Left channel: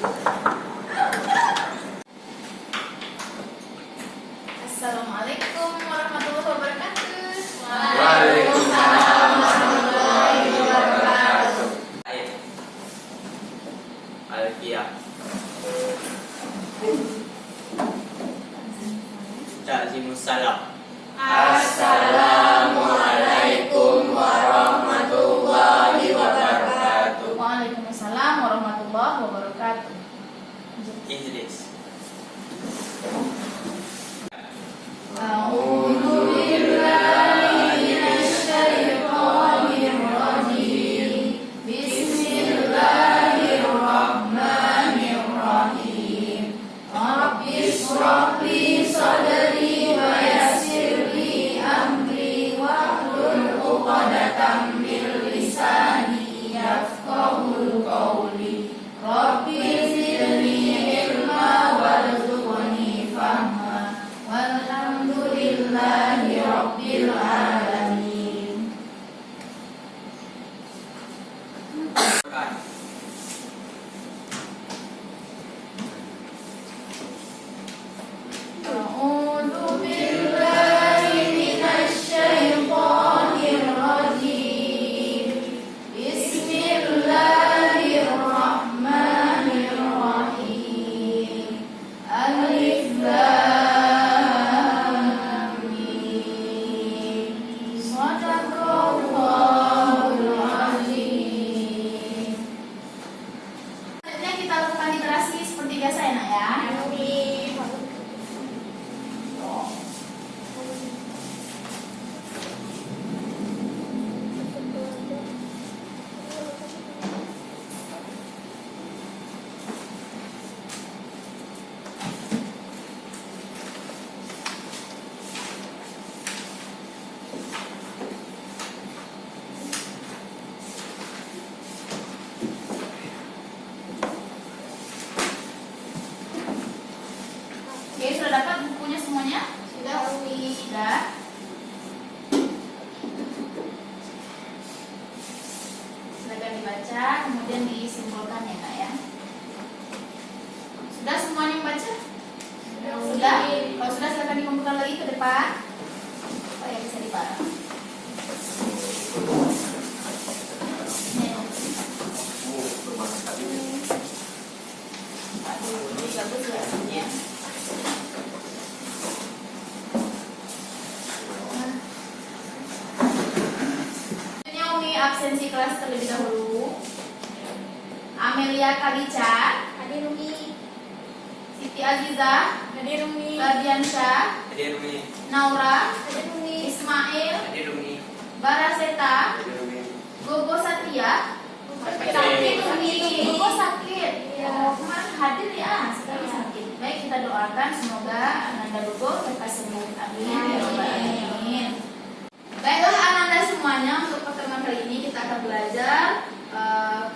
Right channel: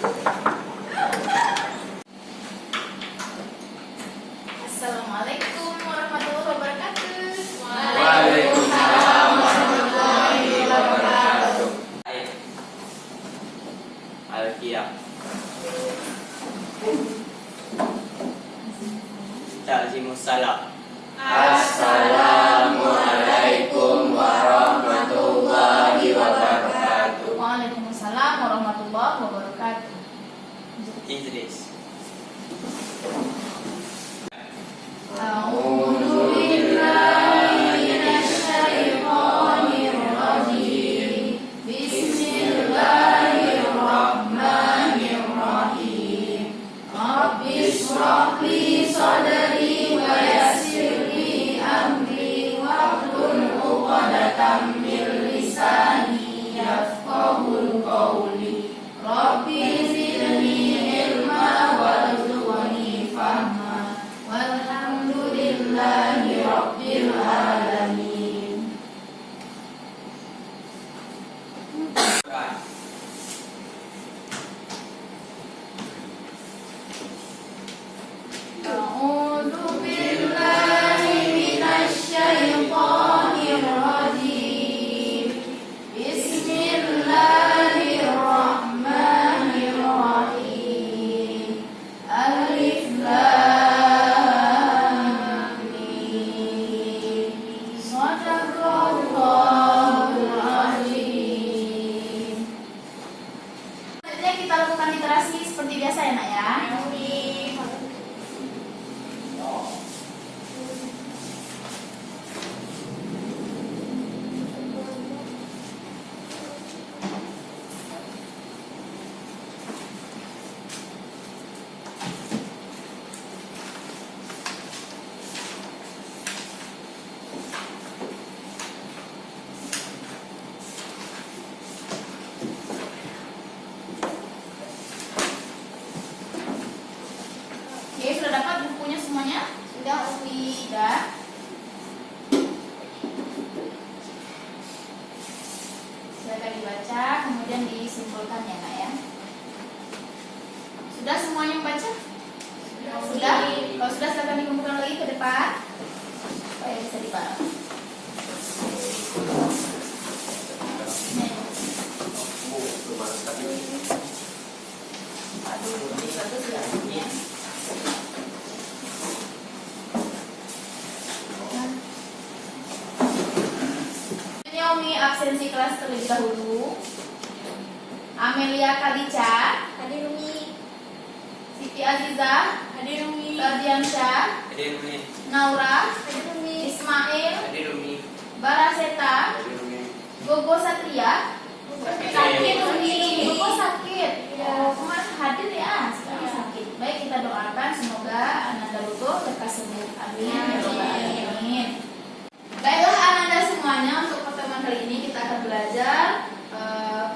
Assalamualaikum warahmatullahi wabarakatuh. Waalaikumsalam warahmatullahi wabarakatuh. Al-Qiyam. Ta'zimussalam. Assalamualaikum warahmatullahi wabarakatuh. Waalaikumsalam warahmatullahi wabarakatuh. Ijlis. A'udzu billahi minasyaitonir rajim. Bismillahirrahmanirrahim. Rabbis shrah li sadri wa yassir li amri wahlul 'uqdatam min lisani yafqahul qawli. Rabbi zidni ilma warzuqni fahma. Walhamdulillahi rabbil alamin. A'udzu billahi minasyaitonir rajim. Bismillahirrahmanirrahim. Alif lam mim. Shadaqallahul azim. Selanjutnya kita lakukan literasi seperti biasa ya, Nak ya. Oke, sudah dapat bukunya semuanya? Sudah, Umi? Sudah. Silakan dibaca, kemudian disimpulkan ya, Nak ya. Sudah semuanya membaca? Sudah? Kalau sudah, silakan dikumpulkan lagi ke depan. Oh ya, bisa dibaca. Ini bagus ya. Umi absensi kelas terlebih dahulu. Amelia Kalica, Hadir Umi. Siti Aziza, Hadir Umi. Radiansyah, Hadir Umi. Naura, Hadir Umi. Ismail, Hadir Umi. Baraseta, Hadir Umi. Gogo Satria. Sakit Umi, Gogo sakit. Oh, kemarin hadir ya, sekarang sakit. Baik, kita doakan semoga Ananda Gogo lekas sembuh. Amin. Ya Rabbal Alamin. Baiklah Ananda semuanya, untuk pertemuan kali ini kita akan belajar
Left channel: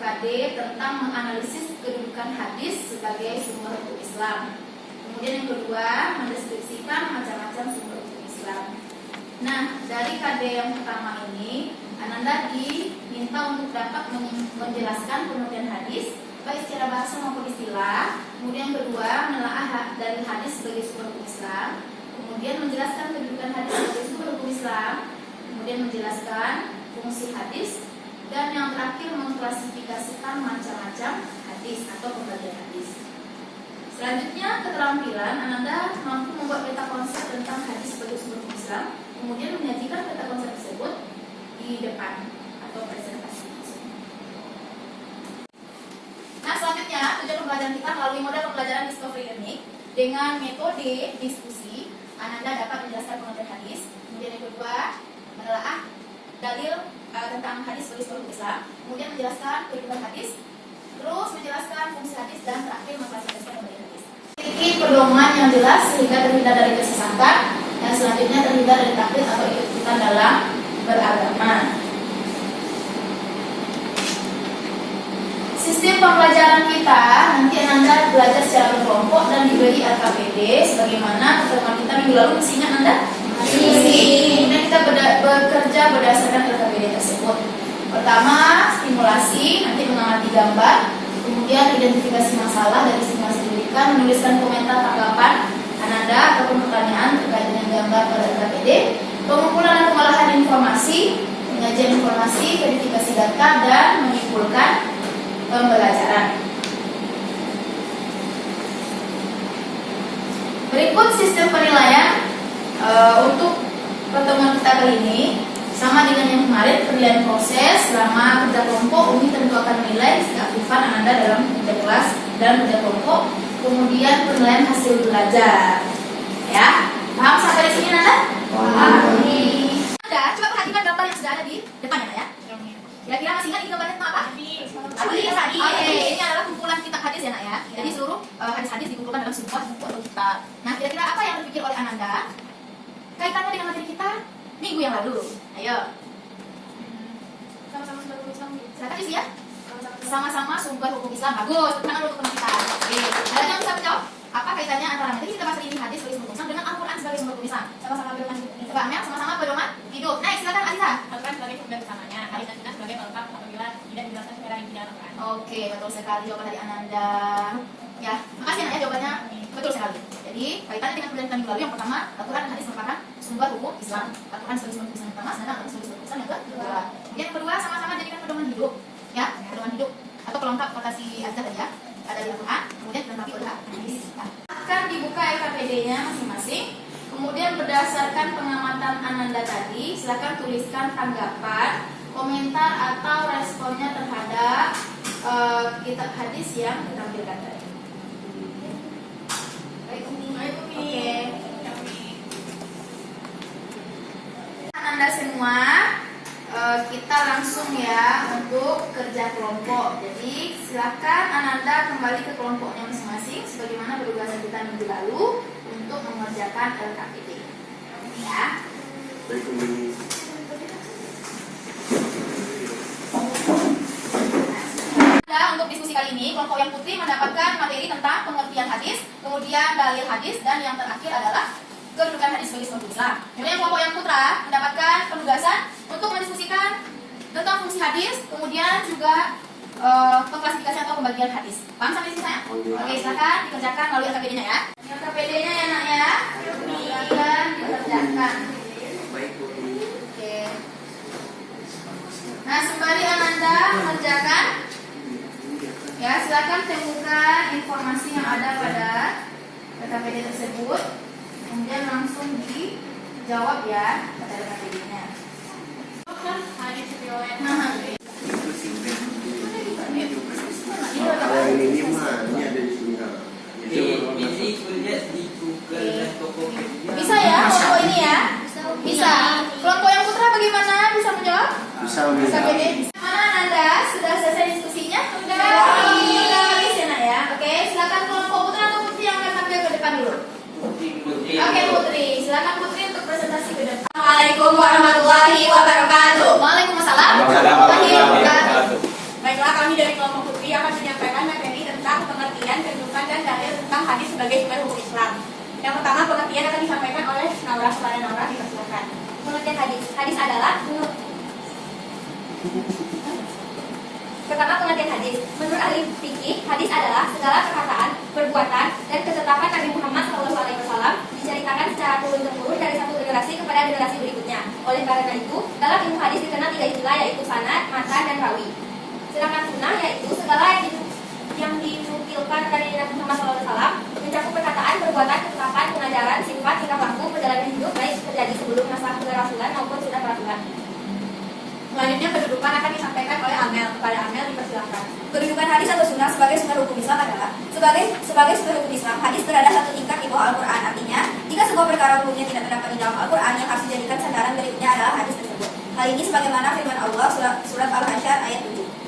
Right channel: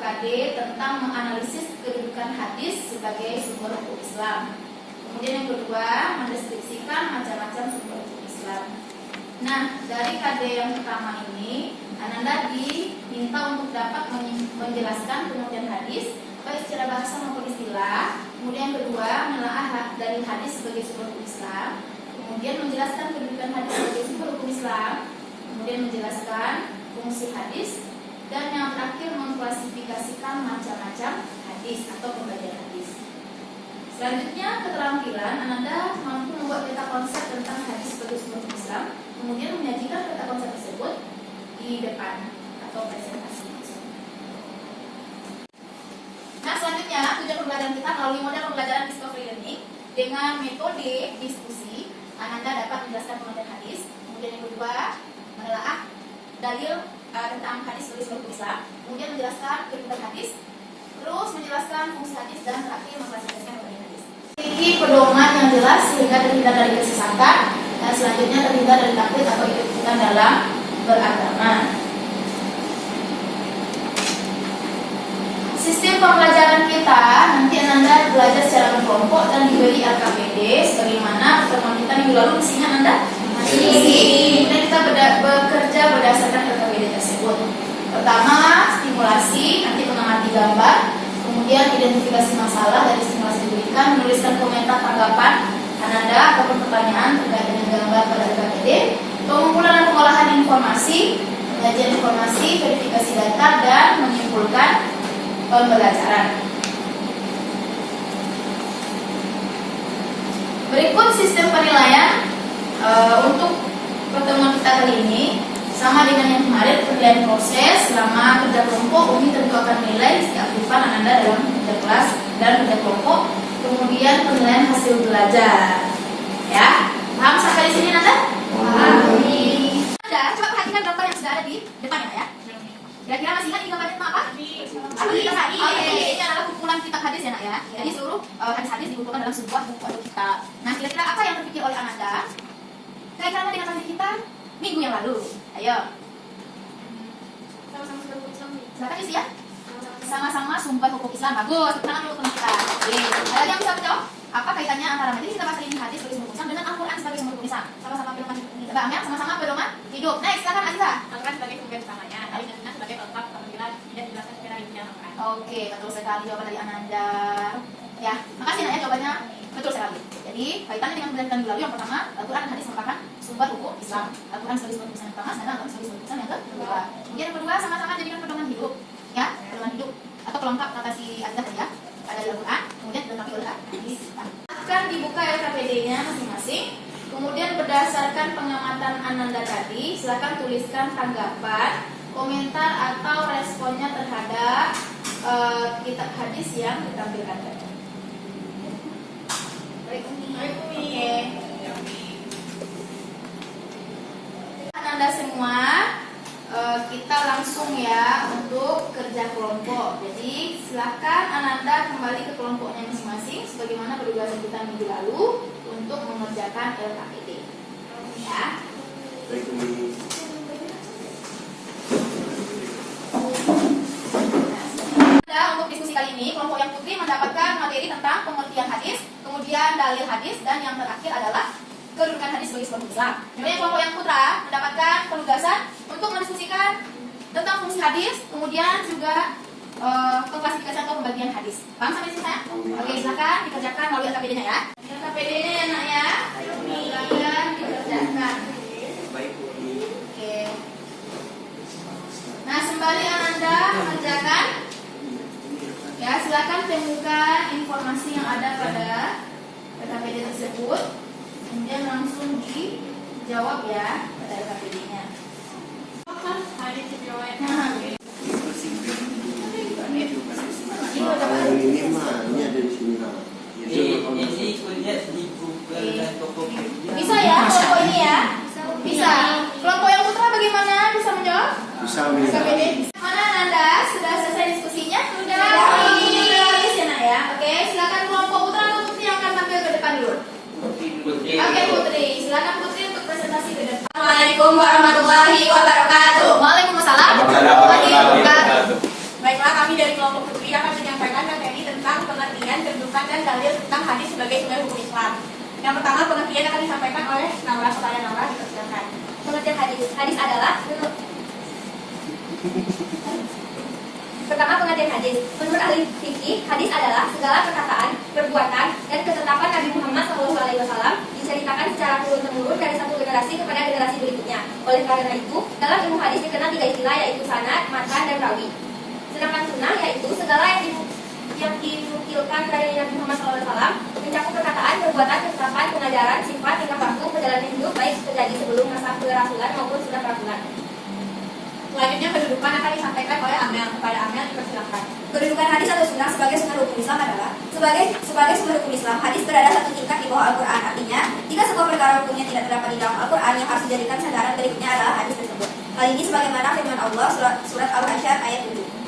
KD tentang menganalisis kedudukan hadis sebagai sumber hukum Islam. Kemudian yang kedua, mendeskripsikan macam-macam sumber hukum Islam. Nah, dari KD yang pertama ini, Ananda diminta untuk dapat menjelaskan pengertian hadis baik secara bahasa maupun istilah. Kemudian yang kedua, menelaah dalil hadis sebagai sumber hukum Islam. Kemudian menjelaskan kedudukan hadis sebagai sumber hukum Islam. Kemudian menjelaskan fungsi hadis. Dan yang terakhir, mengklasifikasikan macam-macam hadis atau pembagian hadis. Selanjutnya, keterampilan Ananda mampu membuat peta konsep tentang hadis sebagai sumber hukum Islam. Kemudian menyajikan peta konsep tersebut di depan atau presentasi. Nah, selanjutnya tujuan pembelajaran kita melalui model pembelajaran discovery learning dengan metode diskusi. Ananda dapat menjelaskan pengertian hadis. Kemudian yang kedua, menelaah dalil tentang hadis sebagai sumber hukum Islam. Kemudian menjelaskan kedudukan hadis. Terus menjelaskan fungsi hadis dan terakhir mengklasifikasikan pembagian hadis. Memiliki pedoman yang jelas sehingga terhindar dari kesesatan dan selanjutnya terhindar dari taklid atau ikut-ikutan dalam beragama. Sistem pembelajaran kita nanti Ananda belajar secara berkelompok dan diberi RKPD sebagaimana pertemuan kita minggu lalu isinya Anda isi. Kemudian kita bekerja berdasarkan RKPD tersebut. Pertama, stimulasi, nanti mengamati gambar. Kemudian kemudian identifikasi masalah dari simulasi diberikan, menuliskan komentar tanggapan Ananda ataupun pertanyaan terkait dengan gambar pada LKPD, pengumpulan dan pengolahan informasi, penyajian informasi, verifikasi data, dan menyimpulkan pembelajaran. Berikut sistem penilaian untuk pertemuan kita kali ini. Sama dengan yang kemarin, penilaian proses selama kerja kelompok. Umi tentu akan menilai keaktifan Ananda dalam kerja kelas dan kerja kelompok. Kemudian penilaian hasil belajar. Ya, paham sampai di sini Ananda? Paham. Coba perhatikan gambar yang sudah ada di depannya ya. Kira-kira masih ingat ini gambarnya tentang apa? Hadis. Oke, ini adalah kumpulan kitab hadis ya nak ya. Jadi seluruh hadis-hadis dikumpulkan dalam sebuah kitab. Nah, kira-kira apa yang terpikir oleh Ananda kaitannya dengan materi kita minggu yang lalu? Ayo. Sama-sama sumber hukum Islam. Silakan isi ya. Sama-sama sumber hukum Islam. Bagus. Tangan dulu teman kita. Oke. Ada yang bisa menjawab? Apa kaitannya antara materi kita bahas ini hadis sebagai sumber hukum Islam dengan Al-Quran sebagai sumber hukum Islam? Sama-sama pedoman Mbak Amel, sama-sama pedoman hidup. Nah, silakan Alisa. Al-Quran sebagai sumber utamanya, hadis dan sunnah sebagai pelengkap apabila tidak dijelaskan secara intinya Al-Quran. Oke, betul sekali jawaban dari Ananda. Ya, makasih Nak ya jawabannya betul sekali. Jadi kaitannya dengan pembelajaran minggu lalu yang pertama, Al-Quran dan hadis merupakan sumber hukum Islam. Al-Quran sebagai sumber hukum Islam yang pertama, sedangkan Al-Quran sebagai sumber hukum Islam yang kedua. Kemudian yang kedua sama-sama jadikan pedoman hidup, ya, pedoman hidup atau pelengkap kata si Azza tadi ya. Ada di Al-Quran, kemudian dilengkapi oleh hadis. Akan dibuka LKPD-nya masing-masing. Kemudian berdasarkan pengamatan Ananda tadi, silakan tuliskan tanggapan, komentar atau responnya terhadap kitab hadis yang ditampilkan tadi. Oke. Ananda semua, kita langsung ya untuk kerja kelompok. Jadi silakan Ananda kembali ke kelompoknya masing-masing sebagaimana penugasan kita minggu lalu untuk mengerjakan LKPD. Ya. Untuk diskusi kali ini, kelompok yang putih mendapatkan materi tentang pengertian hadis, kemudian dalil hadis, dan yang terakhir adalah kedudukan hadis sebagai sumber Islam. Kemudian kelompok yang putra mendapatkan penugasan untuk mendiskusikan tentang fungsi hadis, kemudian juga pengklasifikasian atau pembagian hadis. Paham sampai sini saya? Oke, silakan dikerjakan melalui LKPD-nya ya. LKPD-nya ya nak ya. Silakan dikerjakan. Oke. Nah, sembari Ananda mengerjakan, ya silakan temukan informasi yang ada pada LKPD tersebut, kemudian langsung dijawab ya pada LKPD-nya. Hadis riwayat Ini kuliah di Google dan Tokopedia. Bisa ya kelompok ini ya? Bisa. Kelompok yang putra bagaimana? Bisa menjawab? Bisa. LKPD. Mana Ananda? Sudah selesai diskusinya? Sudah. Habis ya nak ya? Oke, silakan kelompok putra atau putri yang akan tampil ke depan dulu. Putih. Oke Putri, silakan Putri untuk presentasi ke depan. Assalamualaikum warahmatullahi wabarakatuh. Waalaikumsalam warahmatullahi wabarakatuh. Baiklah, kami dari kelompok putri akan menyampaikan materi tentang pengertian, kedudukan, dan dalil tentang hadis sebagai sumber hukum Islam. Yang pertama, pengertian akan disampaikan oleh Naura. Setelah Naura dipersilakan. Pengertian hadis. Hadis adalah pertama pengertian hadis. Menurut ahli fikih, hadis adalah segala perkataan, perbuatan, dan ketetapan Nabi Muhammad SAW diceritakan secara turun-temurun dari satu generasi kepada generasi berikutnya. Oleh karena itu, dalam ilmu hadis dikenal 3 istilah, yaitu sanad, matan, dan rawi. Sedangkan sunnah yaitu segala yang dinukilkan dari Nabi Muhammad SAW mencakup perkataan, perbuatan, ketetapan, pengajaran, sifat, tingkah laku, perjalanan hidup baik terjadi sebelum masa kerasulan maupun sudah kerasulan. Selanjutnya, kedudukan akan disampaikan oleh Amel. Pada Amel dipersilakan. Kedudukan hadis atau sunnah sebagai sumber hukum Islam adalah sebagai sumber hukum Islam, hadis berada satu tingkat di bawah Al-Quran. Artinya, jika sebuah perkara hukumnya tidak terdapat di dalam Al-Quran, yang harus dijadikan sandaran berikutnya adalah hadis tersebut. Hal ini sebagaimana firman Allah surat Al-Hasyr ayat 7.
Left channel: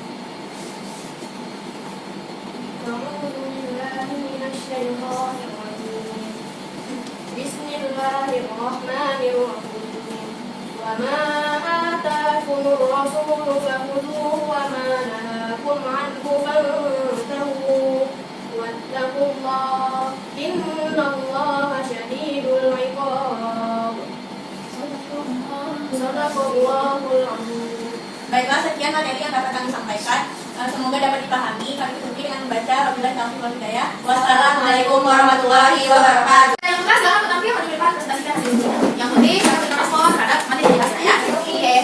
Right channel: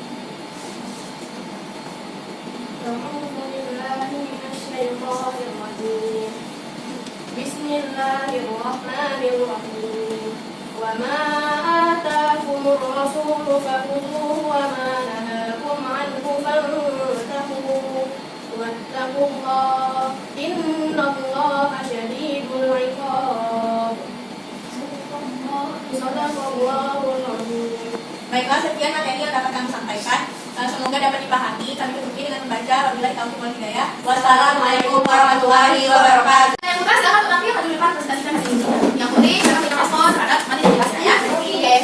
Bismillahirrahmanirrahim. Wa ma atakumur rasulu fakhuduhu wa ma nahakum anhu fantahu. Wattaqullaha innallaha syadidul iqab. Sadaqallahul azim. Baiklah, sekian materi yang dapat kami sampaikan. Semoga dapat dipahami. Kami tutupi dengan membaca Wabillahi taufiq wal hidayah. Wassalamualaikum warahmatullahi wabarakatuh. Yang kelas jangan tetapi yang di depan presentasikan hasil ujian. Yang penting jangan berikan respon terhadap materi di kelas ya. Oke.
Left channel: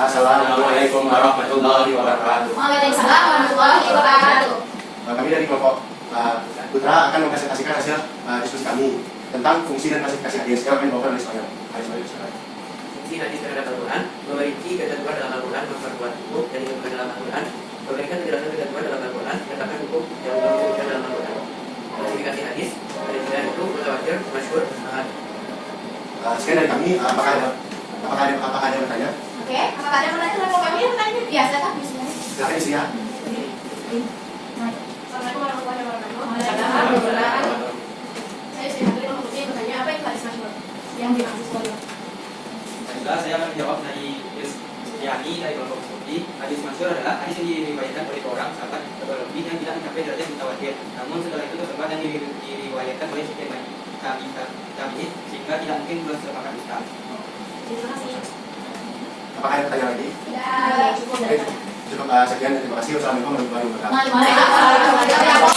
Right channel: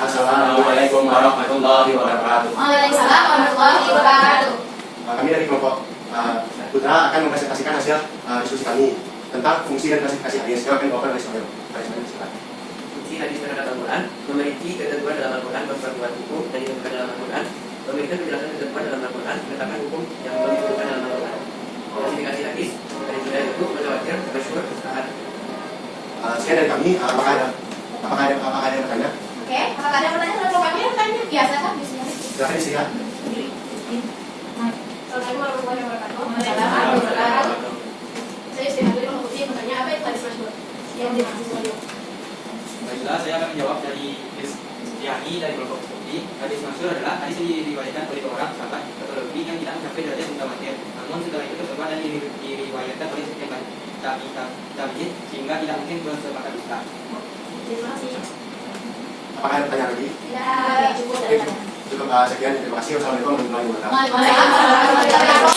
Assalamualaikum warahmatullahi wabarakatuh. Waalaikumsalam warahmatullahi wabarakatuh. Kami dari kelompok Putra akan mempresentasikan hasil diskusi kami tentang fungsi dan klasifikasi hadis. Kami open dari Ismail. Fungsi hadis terhadap Al-Quran memiliki ketentuan dalam Al-Quran, memperkuat hukum dan ditentukan dalam Al-Quran, memberikan penjelasan ketentuan dalam Al-Quran, menetapkan hukum yang belum disebutkan dalam Al-Quran. Klasifikasi hadis ada 9 bentuk: mutawatir, masyhur, ahad. Sekian dari kami. Apakah ada yang bertanya? Oke, apakah ada yang bertanya? Kalau kami ada bertanya? Iya, silakan. Silakan istirahat. Assalamualaikum warahmatullahi wabarakatuh. Waalaikumsalam warahmatullahi wabarakatuh. Saya Sri Hamdi Mahmudi bertanya apa itu hadis masyhur? Yang dimaksud. Baiklah, saya akan menjawab dari Yani dari kelompok Putri. Hadis masyhur adalah hadis yang diriwayatkan oleh orang sahabat atau lebih yang tidak mencapai derajat mutawatir. Namun setelah itu terkenal dan diriwayatkan oleh sekian banyak tabi'in sehingga tidak mungkin bersemakan dusta. Terima kasih. Apakah ada pertanyaan lagi? Ya, Cukup Oke, dari cukup sekian. Terima kasih. Wassalamualaikum warahmatullahi wabarakatuh. Waalaikumsalam.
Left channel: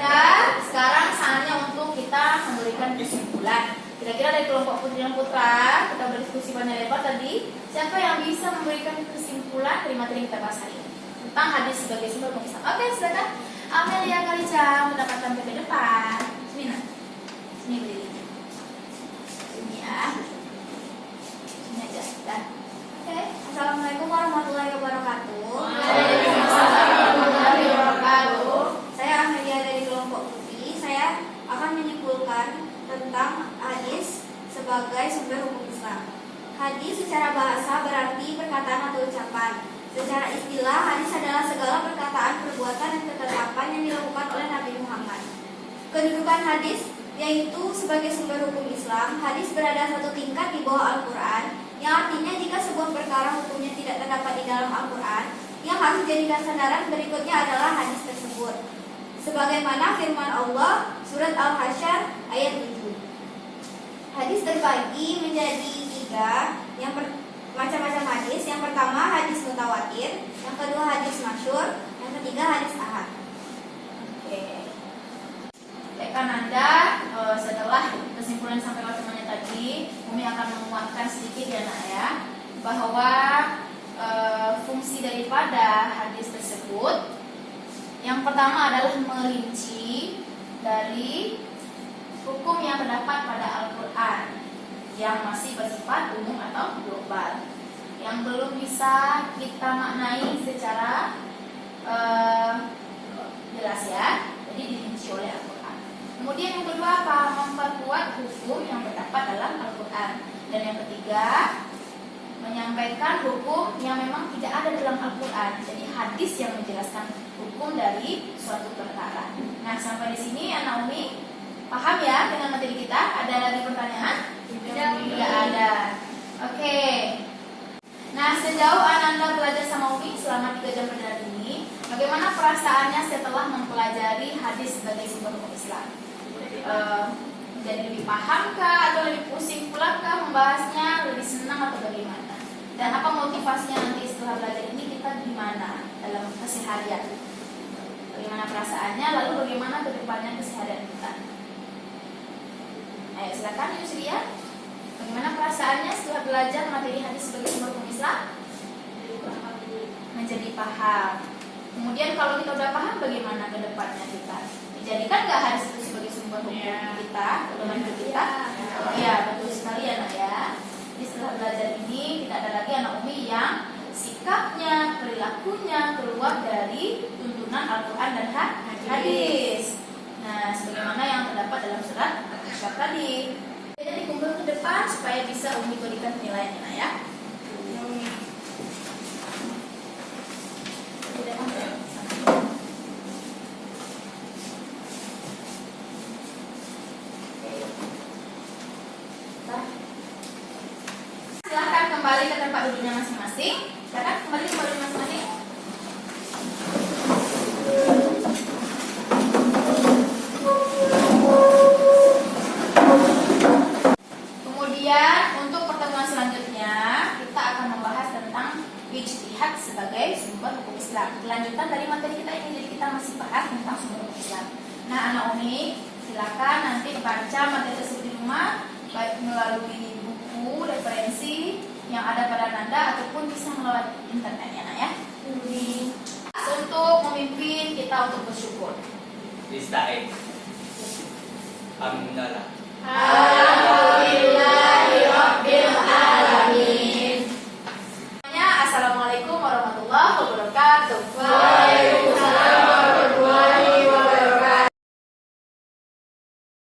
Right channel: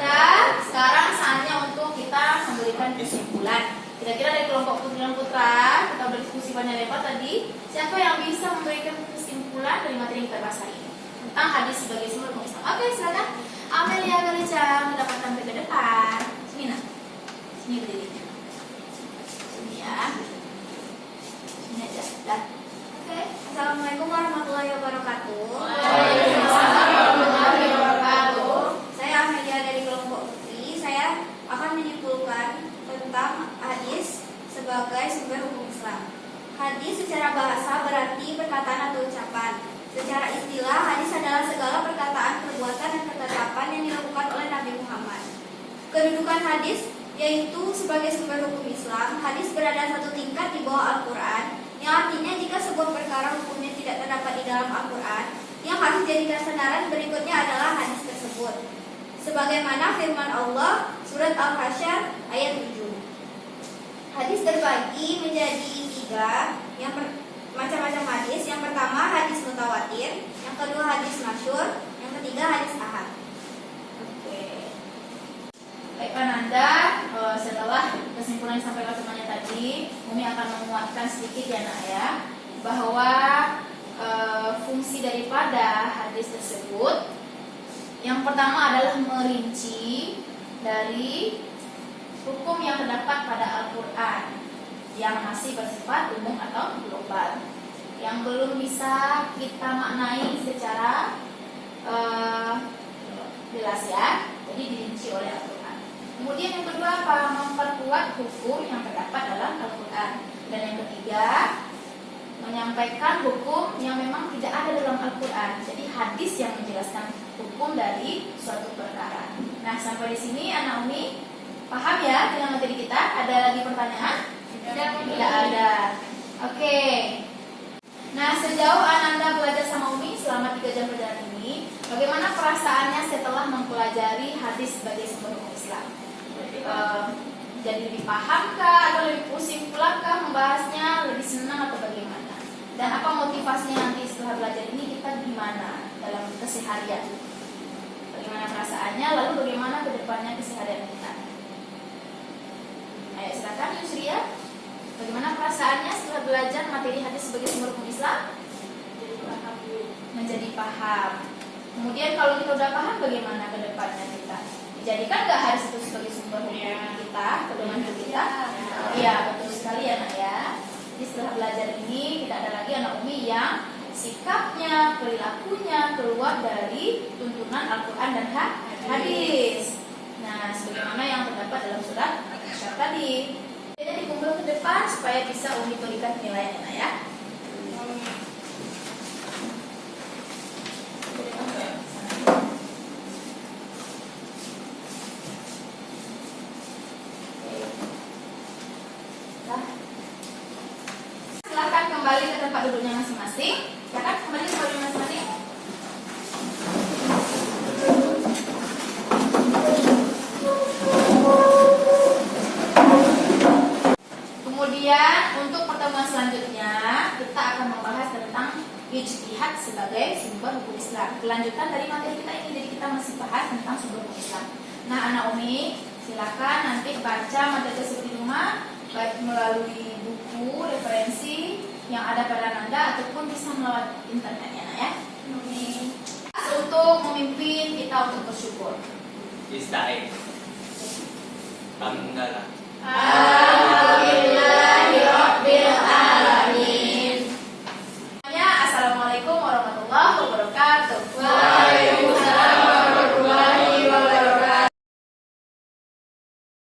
Dan sekarang saatnya untuk kita memberikan kesimpulan. Kira-kira dari kelompok Putri dan Putra, kita berdiskusi banyak lebar tadi. Siapa yang bisa memberikan kesimpulan dari materi yang kita bahas hari ini tentang hadis sebagai sumber hukum Islam? Oke, silakan. Amelia Garica mendapatkan ke depan. Sini nak. Sini berdiri. Sini ya. Sini aja. Dan oke. Assalamualaikum warahmatullahi wabarakatuh. Waalaikumsalam warahmatullahi wabarakatuh. Saya Amelia dari kelompok Putri. Saya akan menyimpulkan tentang hadis sebagai sumber hukum Islam. Hadis secara bahasa berarti perkataan atau ucapan. Secara istilah, hadis adalah segala perkataan, perbuatan, dan ketetapan yang dilakukan oleh Nabi Muhammad. Kedudukan hadis yaitu sebagai sumber hukum Islam. Hadis berada satu tingkat di bawah Al-Quran, yang artinya jika sebuah perkara hukumnya tidak terdapat di dalam Al-Quran, yang harus dijadikan sandaran berikutnya adalah hadis tersebut. Sebagaimana firman Allah surat Al-Hasyr ayat 7. Hadis terbagi menjadi 3, macam-macam hadis. Yang pertama hadis mutawatir, yang kedua hadis masyhur, yang ketiga hadis ahad. Oke. Baik Ananda, setelah kesimpulan sampai temannya tadi, Umi akan menguatkan sedikit ya nak ya, bahwa fungsi daripada hadis tersebut yang pertama adalah merinci dari hukum yang terdapat pada Al-Quran yang masih bersifat umum atau global, yang belum bisa kita maknai secara jelas ya, jadi dirinci oleh Al-Quran. Kemudian yang kedua apa? Memperkuat hukum yang terdapat dalam Al-Quran. Dan yang ketiga, menyampaikan hukum yang memang tidak ada dalam Al-Quran. Jadi hadis yang menjelaskan hukum dari suatu perkara. Nah, sampai di sini Anak Umi paham ya dengan materi kita? Ada lagi pertanyaan? Tidak ada. Oke. Nah, sejauh Ananda belajar sama Umi selama 3 jam perjalanan ini, bagaimana perasaannya setelah mempelajari hadis sebagai sumber hukum Islam? Jadi lebih paham kah atau lebih pusing pula kah membahasnya, lebih senang atau bagaimana? Dan apa motivasinya nanti setelah belajar ini kita gimana dalam keseharian? Bagaimana perasaannya, lalu bagaimana kedepannya keseharian kita? Ayo silakan Yusria. Bagaimana perasaannya setelah belajar materi hadis sebagai sumber hukum Islam? Menjadi paham. Kemudian kalau kita udah paham, bagaimana kedepannya kita? Dijadikan nggak hadis itu sebagai sumber hukum kita, kedepannya kita? Ya, betul sekali ya nak ya. Jadi setelah belajar ini tidak ada lagi anak Umi yang sikapnya, perilakunya keluar dari tuntunan Al-Quran dan hadis. Nah, sebagaimana yang terdapat dalam surat Al-Hasyr tadi. Jadi dikumpul ke depan supaya bisa Umi berikan penilaian ya. Silakan kembali ke tempat duduknya masing-masing. Silakan kembali ke duduk masing-masing. Kemudian untuk pertemuan selanjutnya kita akan membahas tentang ijtihad sebagai sumber hukum Islam. Kelanjutan dari materi kita ini, jadi kita masih bahas tentang sumber hukum Islam. Nah, anak Umi silakan nanti baca materi tersebut di rumah, baik melalui buku referensi yang ada pada Anda ataupun bisa melalui internetnya, nak ya. Untuk memimpin kita untuk bersyukur. Israel. Alhamdulillah. Amin.